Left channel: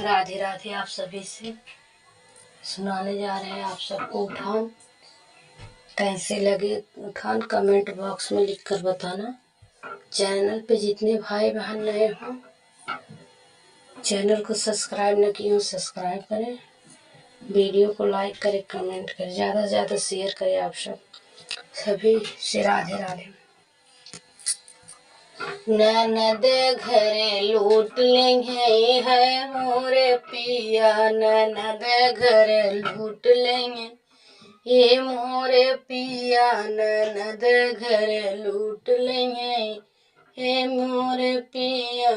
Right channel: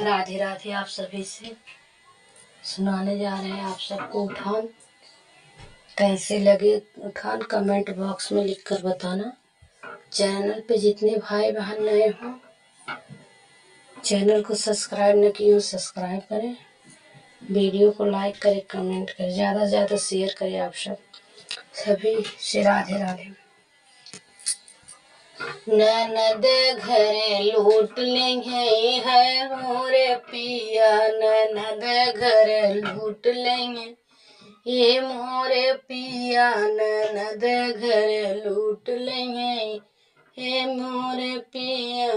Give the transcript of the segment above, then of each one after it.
राधे राधे। आप सभी से सुनाने जा रहे हैं आप सबको उठान। कैसे लगे उठान कमेंट बॉक्स में लिखकर बताना। चैनल पे जितने भाई बहन नए हों, चैनल को सब्सक्राइब न किए हो सब्सक्राइब करें, वीडियो को लाइक करें, कमेंट करें, ज़्यादा से ज़्यादा शेयर करें। आप सभी से राधे राधे। ननद घरे लूट लेंगे है मोरे पिया, ननद घरे लूट लेंगे ये मोरे पिया, ननद घरे लूट लेंगे ये मोरे पिया।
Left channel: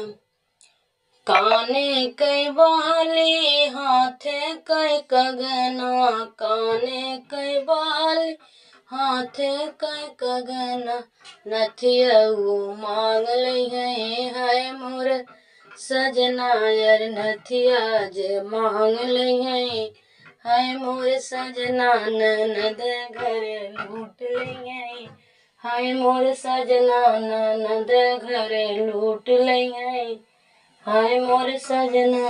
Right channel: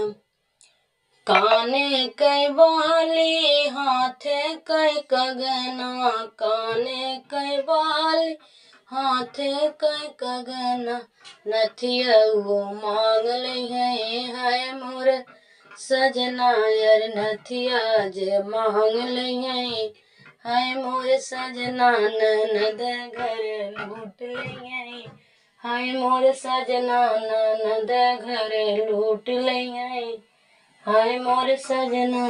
काने कई बाली हाथे कई कंगना, काने कई बाली हाथे कई कंगना, नथिया वो मांग लई है मोर सजना यार, नथिया जे मांग लई है मोर सजना, ननद घर लूट लई है मोर सजना, ननद घर लूट लई हाय मोर सजना।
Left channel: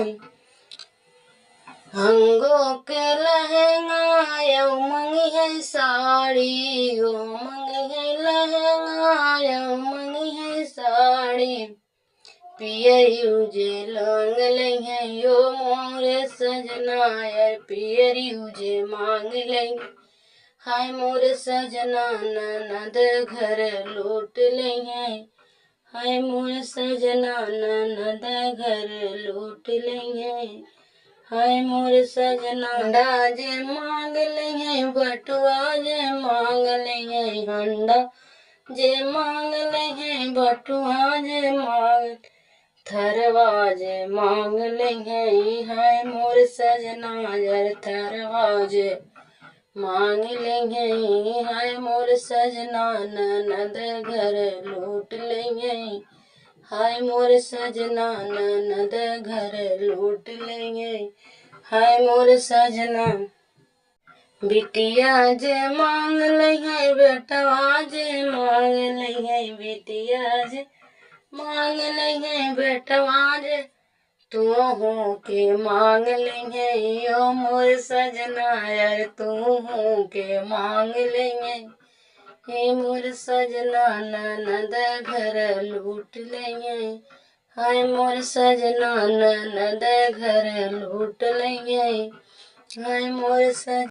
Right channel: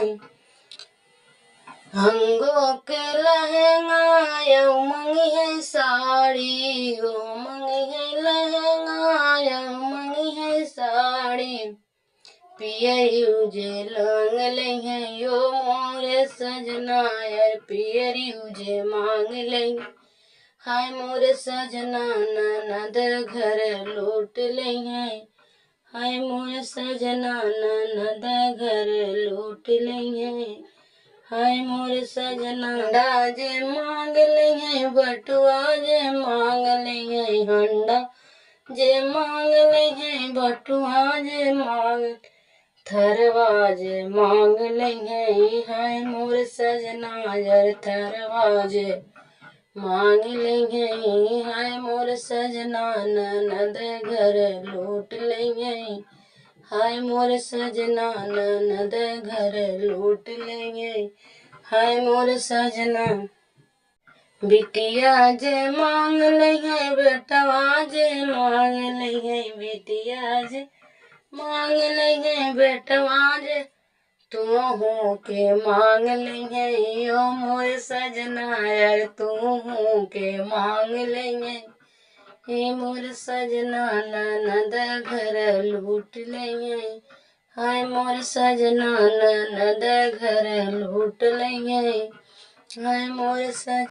हंगो के लहंगा यौ मंगी है साड़ी, यो मंगी है लहंगा यौ मंगी है साड़ी, पियरी उजे लांग ले है यो मोरे सजना यार, पियरी उजे मांग ले हाय मोरे सजना, ननद घर लूट ले हाय मोर सजना, ननद घर लूट लेंगे हाय मोर सजना। हंडा जे मांग लेंगे बटुआ जे मांग लेंगे, हंडा जे मांग लेंगे बटुआ जे मांग, थरवा जे मांग लेंगे हाय मोर सजना यार, थरवा जे मांग लेंगे हाय मोर सजना, ननद घर लूट लेंगे हाय मोर सजना, ननद घर लूट लेंगे हाय मोर सजना। बिटिया जे मांग लेंगे बेटवा जे मांग लेंगे, बिटिया जे मांग लेंगे बेटवा जे तू हो के मांग लेंगे यो मोर सजना यार, तू हो के मांग लेंगे हे मोर सजना, ननद घर लूट लेंगे हाय मोर सजना, ननद घर लूट लेंगे हाय मोर सजना।